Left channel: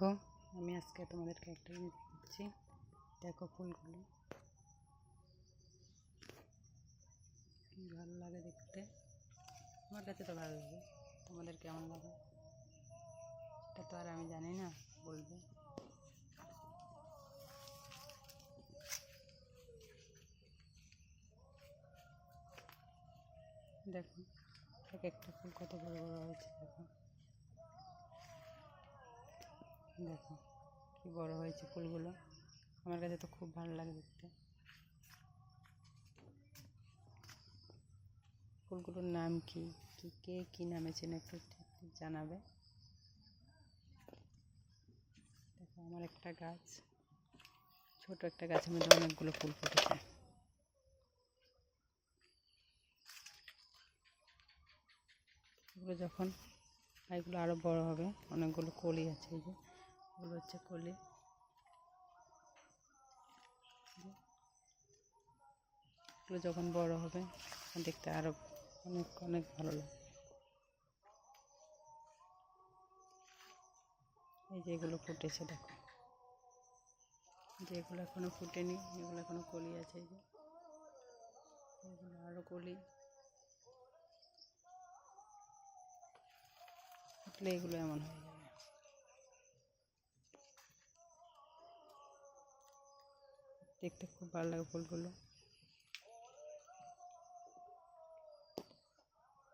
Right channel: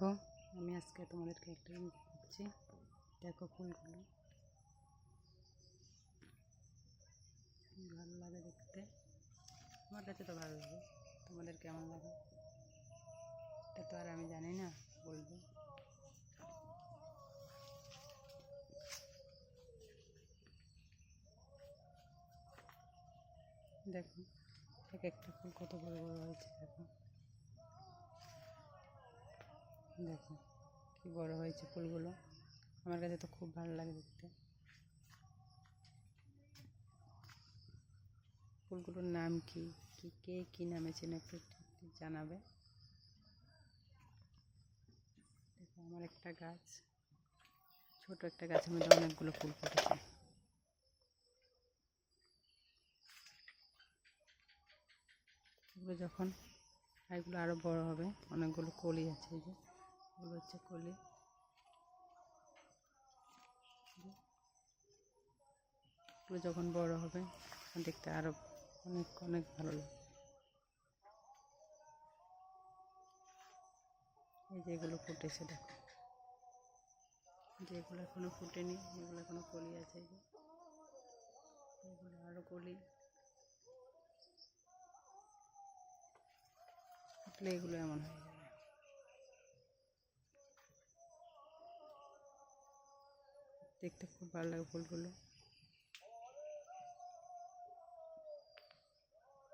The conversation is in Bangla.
দেখো, আমি আজকে তোমাদেরকে একটা জিনিস দেখাচ্ছি। দেখো ফুলগুলো কি ভালো লাগে দেখতে। আমার কাছে তো ভালো লাগে, তোমাদের কেমন লাগে এটা তো আর আমি জানি না, বলবো। দেখো এক একটা ফুল কত বড় বড় হয়েছে। দেখো দেখো কি বড় হয়েছে ফুলগুলো। আমার কাছে তো খুব ভালো লাগে দেখতে। ফুলগুলোর নাম কি, কে কি নামে চেনে একটু জানাবে। দেখো আমার একটা গাছ, ছোট একটা গাছের মধ্যে অনেকগুলো ফুল ফুটেছে। এগুলো যখন এগুলো আরো বড় হবে, অনেকগুলো কলি আছে, এই যে এগুলো হচ্ছে কলি। এগুলো যখন বড় হবে দেখতে আরো অনেক অনেক ভালো লাগে। এই যে এগুলো ফুটেছে, দেখো যে এগুলো এখনো ফুটেনি, এগুলো এখনো কলি আছে। এই যে এগুলো আরো কলি ফুটলে এগুলো এমন হয়ে যাবে। দেখতে খুব ভালো লাগে ফুলগুলো।